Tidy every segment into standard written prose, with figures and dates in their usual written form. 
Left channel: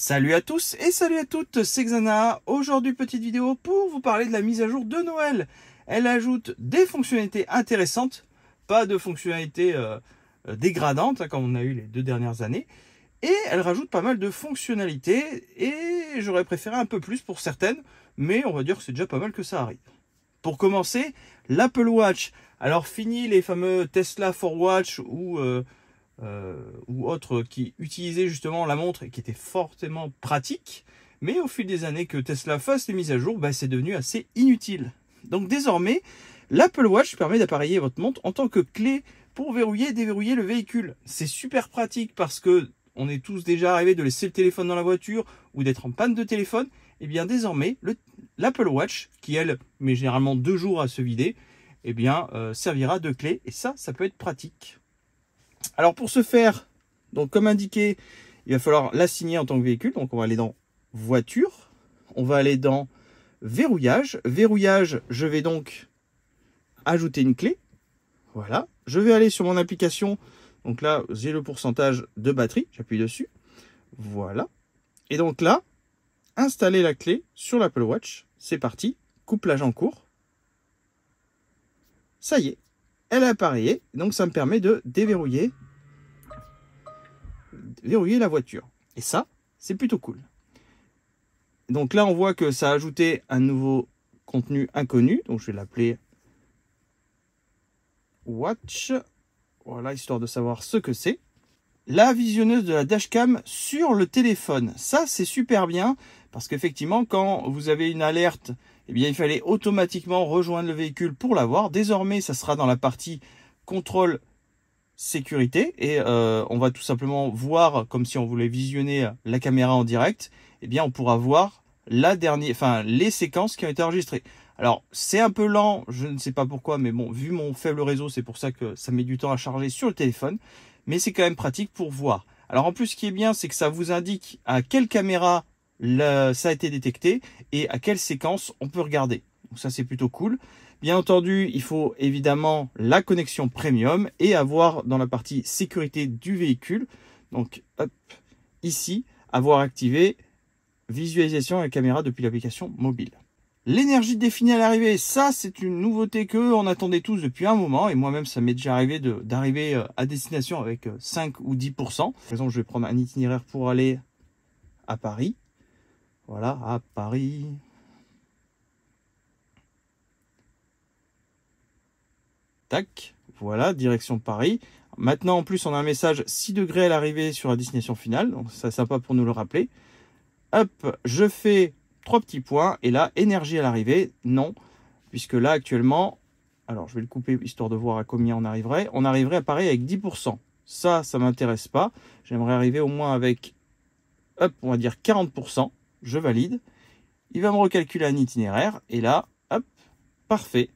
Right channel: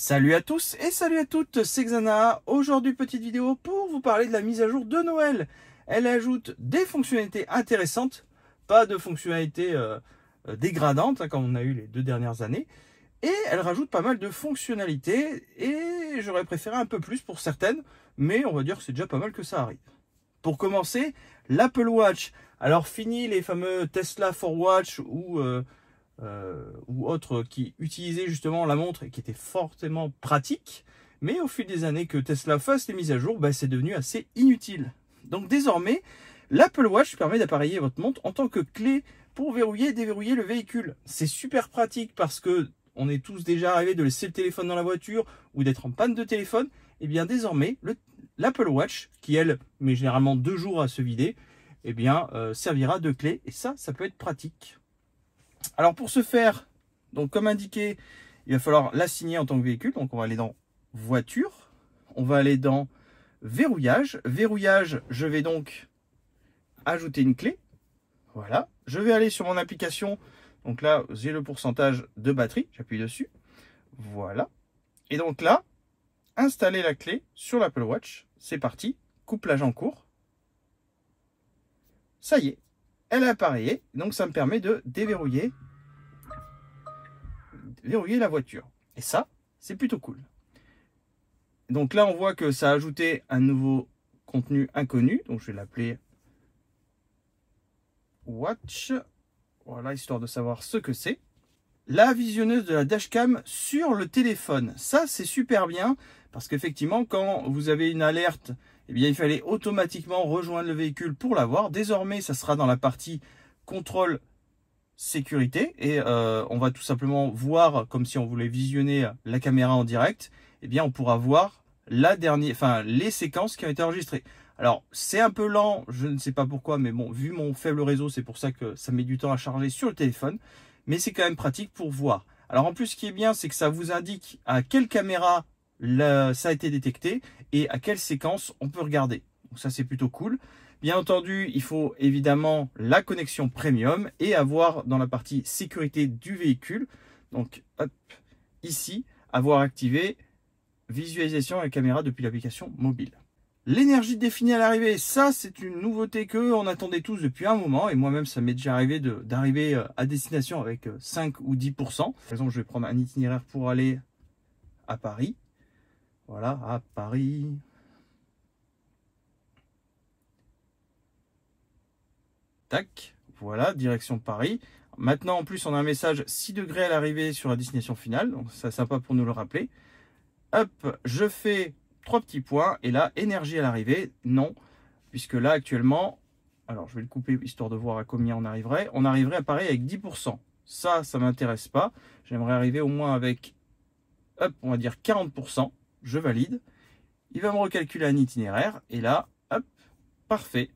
Salut à tous et salut à toutes, c'est Xana. Aujourd'hui, petite vidéo pour vous parler de la mise à jour de Noël. Elle ajoute des fonctionnalités intéressantes, pas de fonctionnalités dégradantes comme on a eu les 2 dernières années. Et elle rajoute pas mal de fonctionnalités et j'aurais préféré un peu plus pour certaines, mais on va dire que c'est déjà pas mal que ça arrive. Pour commencer, l'Apple Watch. Alors fini les fameux Tesla for Watch ou autres qui utilisaient justement la montre et qui étaient fortement pratiques. Mais au fil des années que Tesla fasse les mises à jour, c'est devenu assez inutile. Donc désormais, l'Apple Watch permet d'appareiller votre montre en tant que clé pour verrouiller et déverrouiller le véhicule. C'est super pratique parce que on est tous déjà arrivés de laisser le téléphone dans la voiture ou d'être en panne de téléphone. Et bien désormais, l'Apple Watch, qui elle met généralement 2 jours à se vider, servira de clé. Et ça peut être pratique. Alors pour ce faire, donc comme indiqué, il va falloir l'assigner en tant que véhicule. Donc on va aller dans voiture, on va aller dans verrouillage. Verrouillage, je vais donc ajouter une clé. Voilà, je vais aller sur mon application. Donc là, j'ai le pourcentage de batterie, j'appuie dessus. Voilà. Et donc là, installer la clé sur l'Apple Watch. C'est parti, couplage en cours. Ça y est, elle a appareillé. Donc ça me permet de verrouiller la voiture. Et ça, c'est plutôt cool. Donc là, on voit que ça a ajouté un nouveau contenu inconnu. Donc je vais l'appeler Watch. Voilà, histoire de savoir ce que c'est. La visionneuse de la dashcam sur le téléphone. Ça, c'est super bien parce qu'effectivement, quand vous avez une alerte, il fallait automatiquement rejoindre le véhicule pour la voir. Désormais, ça sera dans la partie contrôle sécurité et on va tout simplement voir, comme si on voulait visionner la caméra en direct, on pourra voir les séquences qui ont été enregistrées. Alors, c'est un peu lent, je ne sais pas pourquoi, mais bon, vu mon faible réseau, c'est pour ça que ça met du temps à charger sur le téléphone. Mais c'est quand même pratique pour voir. Alors, en plus, ce qui est bien, c'est que ça vous indique à quelle caméra ça a été détecté et à quelle séquence on peut regarder. Donc ça, c'est plutôt cool. Bien entendu, il faut évidemment la connexion premium et avoir dans la partie sécurité du véhicule, donc hop, ici, avoir activé visualisation et caméra depuis l'application mobile. L'énergie définie à l'arrivée, ça c'est une nouveauté que on attendait tous depuis un moment et moi-même ça m'est déjà arrivé d'arriver à destination avec 5 ou 10%. Par exemple, je vais prendre un itinéraire pour aller à Paris. Voilà, à Paris. Tac, voilà, direction Paris. Maintenant, en plus, on a un message 6 degrés à l'arrivée sur la destination finale. Donc, c'est sympa pour nous le rappeler. Hop, je fais 3 petits points. Et là, énergie à l'arrivée, non. Puisque là, actuellement, alors je vais le couper histoire de voir à combien on arriverait. On arriverait à Paris avec 10%. Ça ne m'intéresse pas. J'aimerais arriver au moins avec, hop, on va dire 40%. Je valide. Il va me recalculer un itinéraire. Et là, hop, parfait.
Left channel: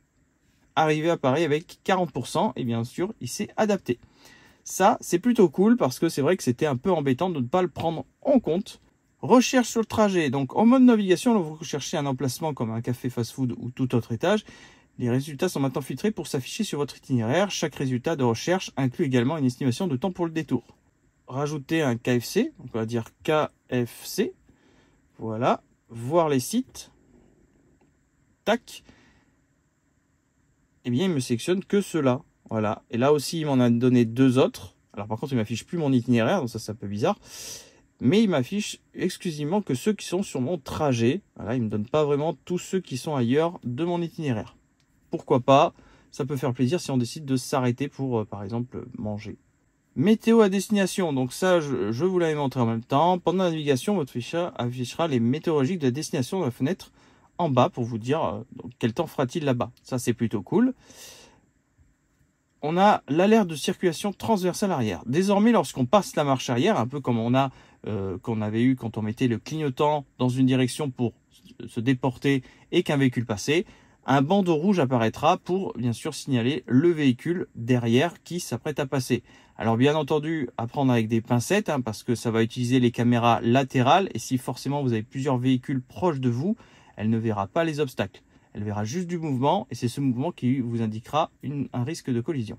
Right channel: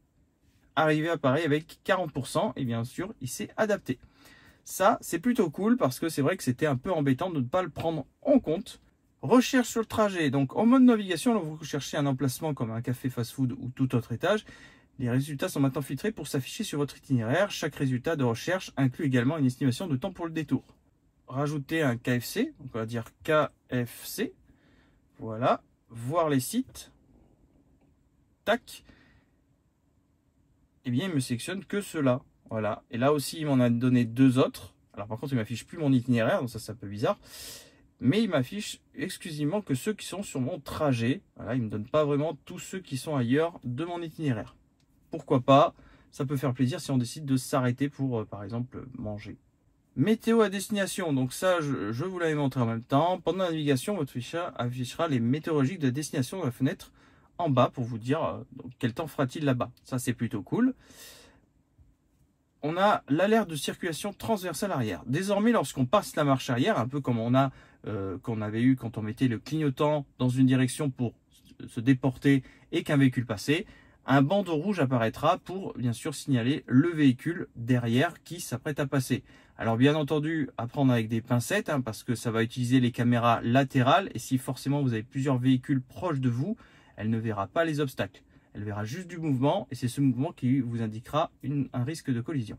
Arrivé à Paris avec 40% et bien sûr il s'est adapté. Ça c'est plutôt cool parce que c'est vrai que c'était un peu embêtant de ne pas le prendre en compte. Recherche sur le trajet, donc en mode navigation, vous recherchez un emplacement comme un café fast-food ou tout autre étage. Les résultats sont maintenant filtrés pour s'afficher sur votre itinéraire. Chaque résultat de recherche inclut également une estimation de temps pour le détour. Rajouter un KFC, donc on va dire KFC. Voilà, voir les sites. Tac. Il me sélectionne que cela. Voilà. Et là aussi, il m'en a donné 2 autres. Alors par contre, il m'affiche plus mon itinéraire, donc ça c'est un peu bizarre. Mais il m'affiche exclusivement que ceux qui sont sur mon trajet. Voilà, il ne me donne pas vraiment tous ceux qui sont ailleurs de mon itinéraire. Pourquoi pas? Ça peut faire plaisir si on décide de s'arrêter pour, par exemple, manger. Météo à destination. Donc ça, je vous l'avais montré en même temps. Pendant la navigation, votre fichier affichera les météorologiques de la destination dans la fenêtre en bas pour vous dire quel temps fera-t-il là-bas. Ça, c'est plutôt cool. On a l'alerte de circulation transversale arrière. Désormais, lorsqu'on passe la marche arrière, un peu comme qu'on avait eu quand on mettait le clignotant dans une direction pour se déporter et qu'un véhicule passait, un bandeau rouge apparaîtra pour, bien sûr, signaler le véhicule derrière qui s'apprête à passer. Alors, bien entendu, à prendre avec des pincettes, parce que ça va utiliser les caméras latérales et si forcément vous avez plusieurs véhicules proches de vous, elle ne verra pas les obstacles. Elle verra juste du mouvement et c'est ce mouvement qui vous indiquera un risque de collision.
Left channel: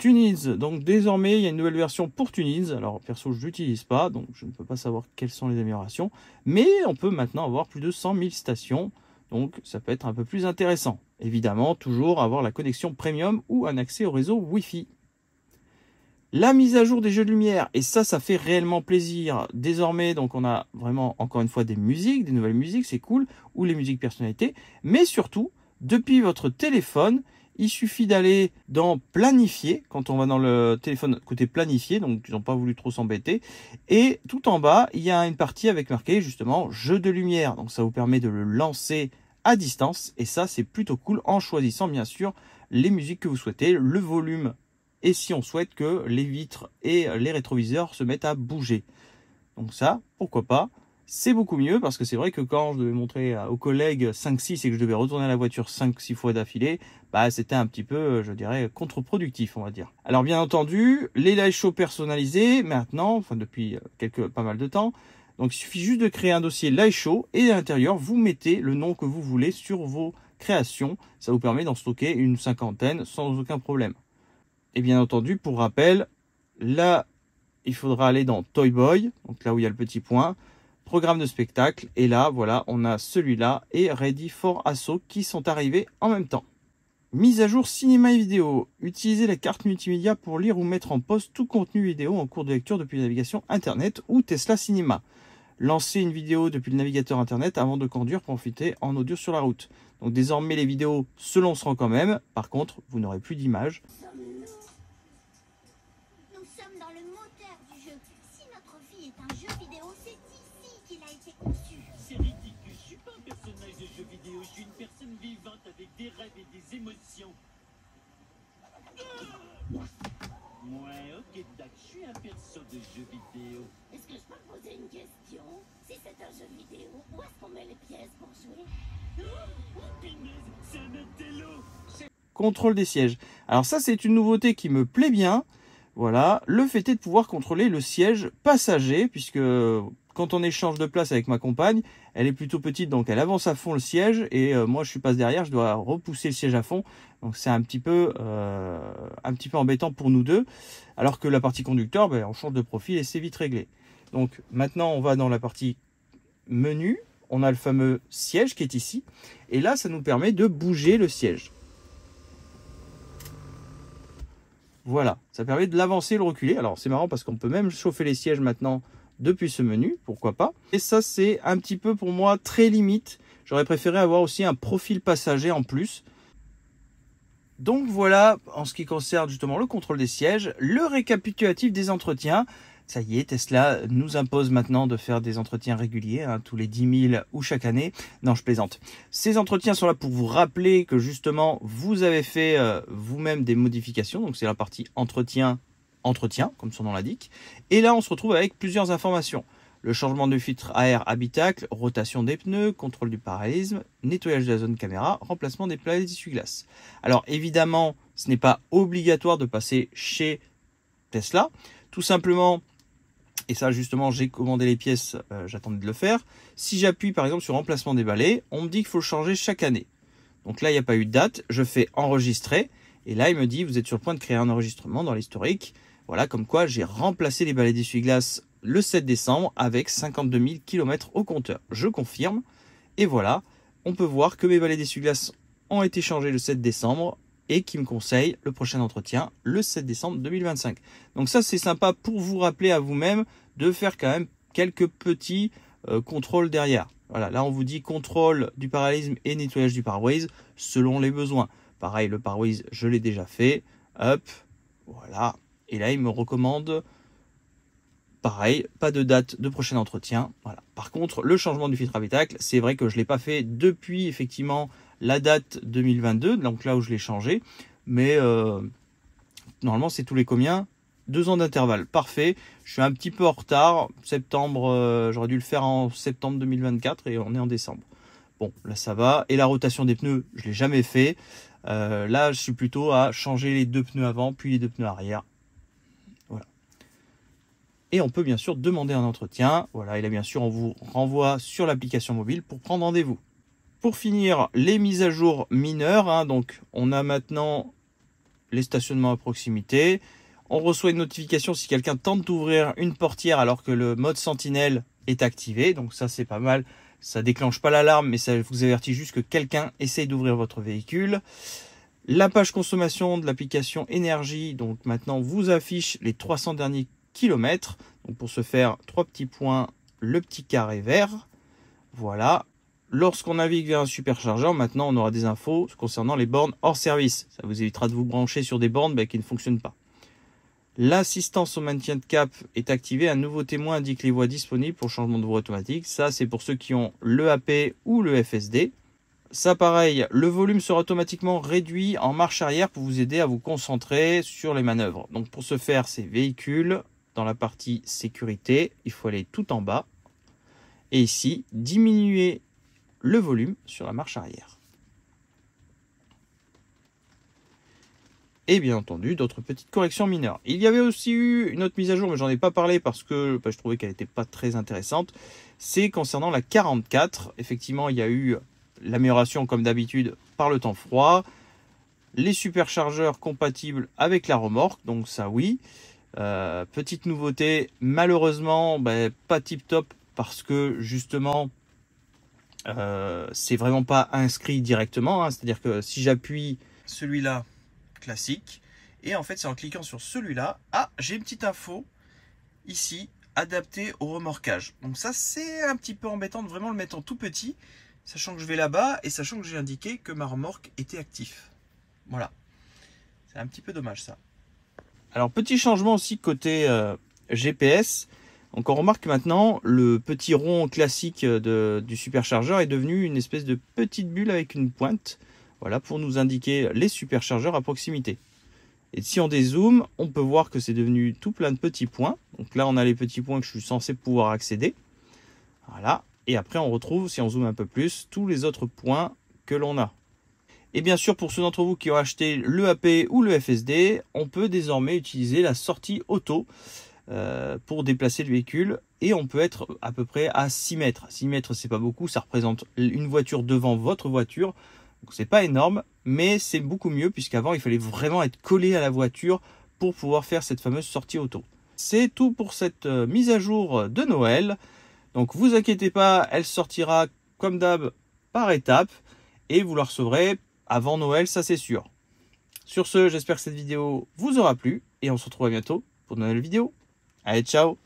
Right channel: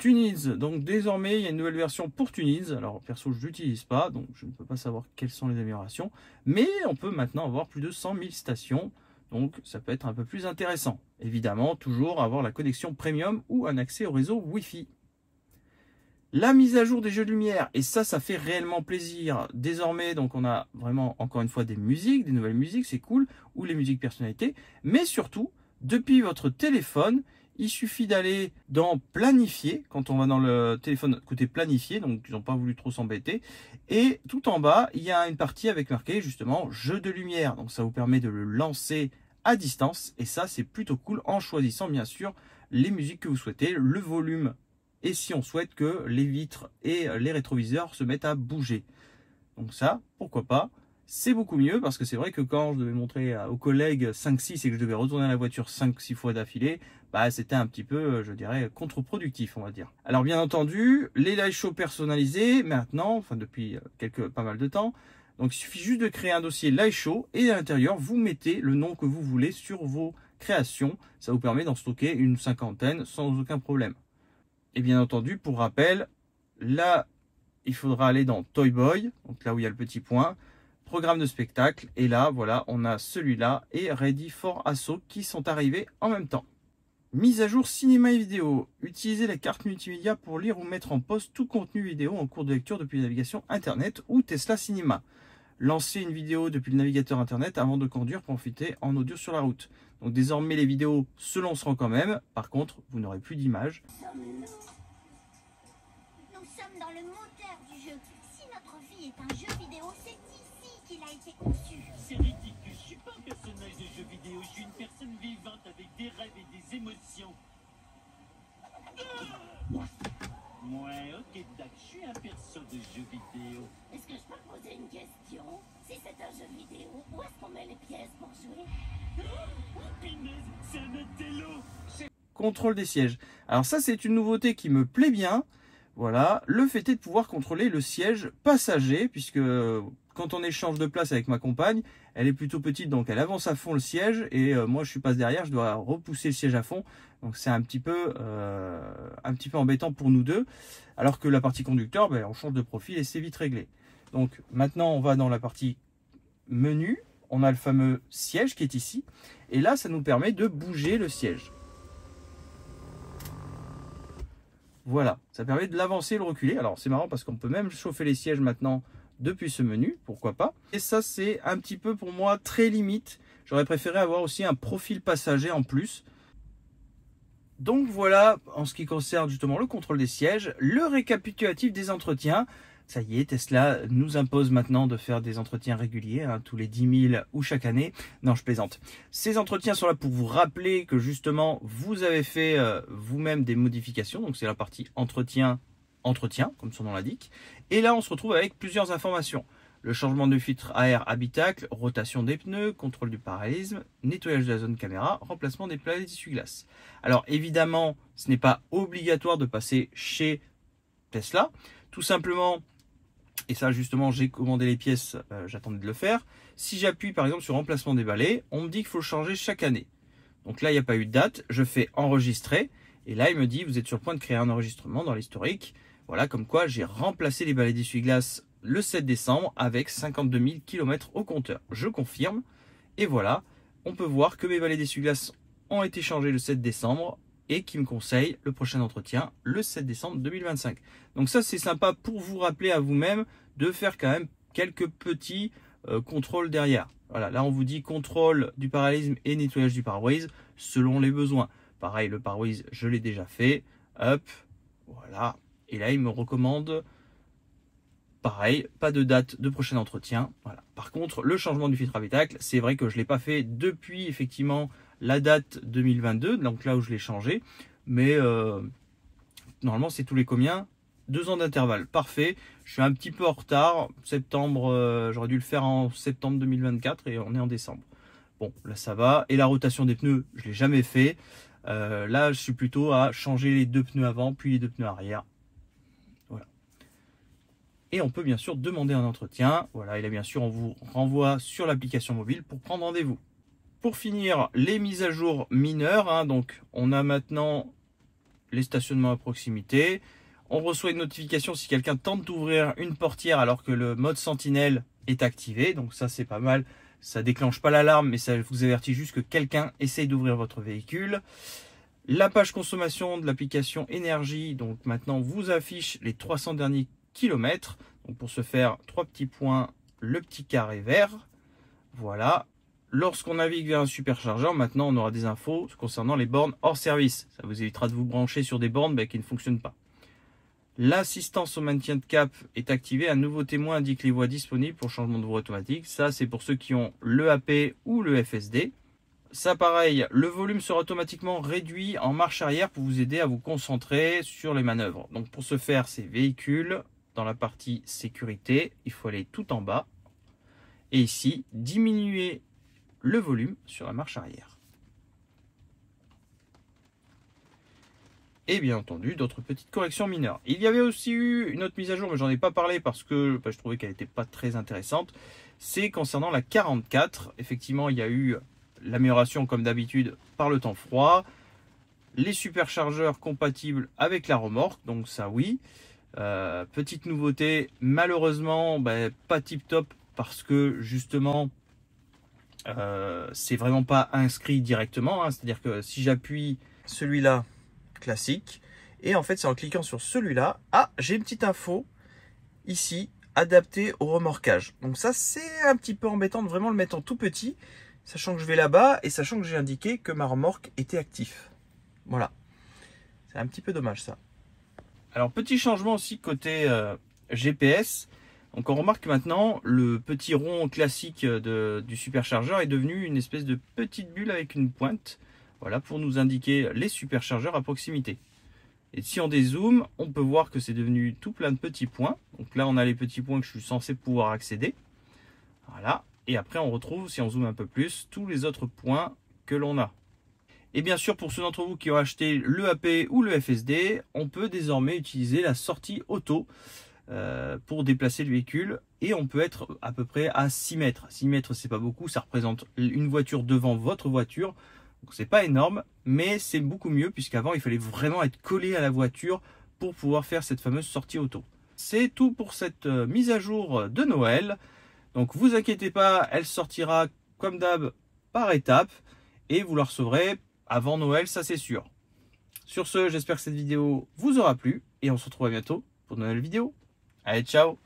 TuneIn, donc désormais il y a une nouvelle version pour TuneIn. Alors perso je l'utilise pas, donc je ne peux pas savoir quelles sont les améliorations. Mais on peut maintenant avoir plus de 100 000 stations, donc ça peut être un peu plus intéressant. Évidemment, toujours avoir la connexion premium ou un accès au réseau Wi-Fi. La mise à jour des jeux de lumière, et ça fait réellement plaisir. Désormais, donc on a vraiment encore une fois des musiques, des nouvelles musiques, c'est cool, ou les musiques personnalités. Mais surtout, depuis votre téléphone, il suffit d'aller dans planifier, quand on va dans le téléphone côté planifié, donc ils n'ont pas voulu trop s'embêter. Et tout en bas, il y a une partie avec marqué justement jeu de lumière. Donc ça vous permet de le lancer à distance. Et ça, c'est plutôt cool en choisissant bien sûr les musiques que vous souhaitez, le volume. Et si on souhaite que les vitres et les rétroviseurs se mettent à bouger. Donc ça, pourquoi pas. C'est beaucoup mieux parce que c'est vrai que quand je devais montrer aux collègues 5-6 et que je devais retourner la voiture 5-6 fois d'affilée, bah c'était un petit peu, je dirais, contre-productif, on va dire. Alors bien entendu, les live shows personnalisés, maintenant, enfin depuis pas mal de temps, donc il suffit juste de créer un dossier live show et à l'intérieur, vous mettez le nom que vous voulez sur vos créations. Ça vous permet d'en stocker une 50aine sans aucun problème. Et bien entendu, pour rappel, là, il faudra aller dans Toy Boy, donc là où il y a le petit point, programme de spectacle, et là, voilà, on a celui-là et Ready for Assault qui sont arrivés en même temps. Mise à jour cinéma et vidéo. Utilisez la carte multimédia pour lire ou mettre en pause tout contenu vidéo en cours de lecture depuis la navigation Internet ou Tesla Cinéma. Lancez une vidéo depuis le navigateur Internet avant de conduire pour profiter en audio sur la route. Donc désormais, les vidéos se lanceront quand même. Par contre, vous n'aurez plus d'image. Nous sommes dans le moteur du jeu. Si notre vie est un jeu vidéo, c'est ici qu'il a été conçu. C'est ridicule, je suis pas un personnage de jeu vidéo, je suis une personne vivante avec des rêves et des émotions. Ouais, ok, Dac, je suis un perso de jeu vidéo. Est-ce que je peux poser une question? Si c'est un jeu vidéo, où est-ce qu'on met les pièces pour jouer? Oh, punaise, c'est un intello. Contrôle des sièges. Alors ça, c'est une nouveauté qui me plaît bien. Voilà, le fait est de pouvoir contrôler le siège passager, puisque quand on échange de place avec ma compagne, elle est plutôt petite, donc elle avance à fond le siège, et moi je passe derrière, je dois repousser le siège à fond, donc c'est un petit peu embêtant pour nous deux, alors que la partie conducteur, ben, on change de profil et c'est vite réglé. Donc maintenant on va dans la partie menu, on a le fameux siège qui est ici, et là ça nous permet de bouger le siège. Voilà, ça permet de l'avancer et le reculer. Alors c'est marrant parce qu'on peut même chauffer les sièges maintenant depuis ce menu, pourquoi pas. Et ça c'est un petit peu pour moi très limite. J'aurais préféré avoir aussi un profil passager en plus. Donc voilà, en ce qui concerne justement le contrôle des sièges, le récapitulatif des entretiens. Ça y est, Tesla nous impose maintenant de faire des entretiens réguliers, hein, tous les 10 000 ou chaque année. Non, je plaisante. Ces entretiens sont là pour vous rappeler que justement, vous avez fait vous-même des modifications. Donc c'est la partie entretien, comme son nom l'indique. Et là, on se retrouve avec plusieurs informations. Le changement de filtre à air habitacle, rotation des pneus, contrôle du parallélisme, nettoyage de la zone caméra, remplacement des plaques d'essuie-glace. Alors évidemment, ce n'est pas obligatoire de passer chez Tesla. Tout simplement, et ça justement j'ai commandé les pièces, j'attendais de le faire. Si j'appuie par exemple sur remplacement des balais, on me dit qu'il faut le changer chaque année. Donc là il n'y a pas eu de date, je fais enregistrer. Et là il me dit vous êtes sur le point de créer un enregistrement dans l'historique. Voilà comme quoi j'ai remplacé les balais d'essuie-glace le 7 décembre avec 52 000 km au compteur. Je confirme. Et voilà, on peut voir que mes balais d'essuie-glace ont été changés le 7 décembre. Et qui me conseille le prochain entretien le 7 décembre 2025. Donc ça c'est sympa pour vous rappeler à vous-même de faire quand même quelques petits contrôles derrière. Voilà, là on vous dit contrôle du parallélisme et nettoyage du pare-brise selon les besoins. Pareil, le pare-brise je l'ai déjà fait. Hop, voilà. Et là il me recommande, pareil, pas de date de prochain entretien. Voilà. Par contre, le changement du filtre habitacle, c'est vrai que je ne l'ai pas fait depuis effectivement la date 2022, donc là où je l'ai changé, mais normalement c'est tous les combien? 2 ans d'intervalle, parfait. Je suis un petit peu en retard, septembre, j'aurais dû le faire en septembre 2024 et on est en décembre. Bon, là ça va. Et la rotation des pneus, je ne l'ai jamais fait. Là je suis plutôt à changer les 2 pneus avant, puis les 2 pneus arrière. Voilà. Et on peut bien sûr demander un entretien. Voilà, et là bien sûr on vous renvoie sur l'application mobile pour prendre rendez-vous. Pour finir, les mises à jour mineures, hein, donc on a maintenant les stationnements à proximité. On reçoit une notification si quelqu'un tente d'ouvrir une portière alors que le mode sentinelle est activé. Donc ça, c'est pas mal. Ça déclenche pas l'alarme, mais ça vous avertit juste que quelqu'un essaye d'ouvrir votre véhicule. La page consommation de l'application énergie, donc maintenant vous affiche les 300 derniers kilomètres. Donc pour ce faire, 3 petits points, le petit carré vert. Voilà. Lorsqu'on navigue vers un superchargeur, maintenant on aura des infos concernant les bornes hors service. Ça vous évitera de vous brancher sur des bornes qui ne fonctionnent pas. L'assistance au maintien de cap est activée. Un nouveau témoin indique les voies disponibles pour changement de voie automatique. Ça, c'est pour ceux qui ont le AP ou le FSD. Ça, pareil, le volume sera automatiquement réduit en marche arrière pour vous aider à vous concentrer sur les manœuvres. Donc, pour ce faire, c'est véhicule. Dans la partie sécurité, il faut aller tout en bas. Et ici, diminuer le volume sur la marche arrière. Et bien entendu, d'autres petites corrections mineures. Il y avait aussi eu une autre mise à jour, mais j'en ai pas parlé parce que je trouvais qu'elle n'était pas très intéressante. C'est concernant la 44. Effectivement, il y a eu l'amélioration, comme d'habitude, par le temps froid. Les superchargeurs compatibles avec la remorque, donc ça oui. Petite nouveauté, malheureusement, pas tip top parce que justement, c'est vraiment pas inscrit directement. Hein. C'est-à-dire que si j'appuie celui-là, classique, et en fait c'est en cliquant sur celui-là, j'ai une petite info ici, adapté au remorquage. Donc ça c'est un petit peu embêtant de vraiment le mettre en tout petit, sachant que je vais là-bas et sachant que j'ai indiqué que ma remorque était active. Voilà, c'est un petit peu dommage ça. Alors petit changement aussi côté GPS. Donc on remarque maintenant le petit rond classique du superchargeur est devenu une espèce de petite bulle avec une pointe. Voilà, pour nous indiquer les superchargeurs à proximité. Et si on dézoome, on peut voir que c'est devenu tout plein de petits points. Donc là, on a les petits points que je suis censé pouvoir accéder. Voilà. Et après, on retrouve, si on zoome un peu plus, tous les autres points que l'on a. Et bien sûr, pour ceux d'entre vous qui ont acheté le AP ou le FSD, on peut désormais utiliser la sortie auto pour déplacer le véhicule. Et on peut être à peu près à 6 mètres. 6 mètres, c'est pas beaucoup. Ça représente une voiture devant votre voiture. Donc c'est pas énorme, mais c'est beaucoup mieux puisqu'avant il fallait vraiment être collé à la voiture pour pouvoir faire cette fameuse sortie auto. C'est tout pour cette mise à jour de Noël. Donc vous inquiétez pas, elle sortira comme d'hab par étapes et vous la recevrez avant Noël, ça c'est sûr. Sur ce, j'espère que cette vidéo vous aura plu et on se retrouve à bientôt pour de nouvelles vidéos. Allez, ciao!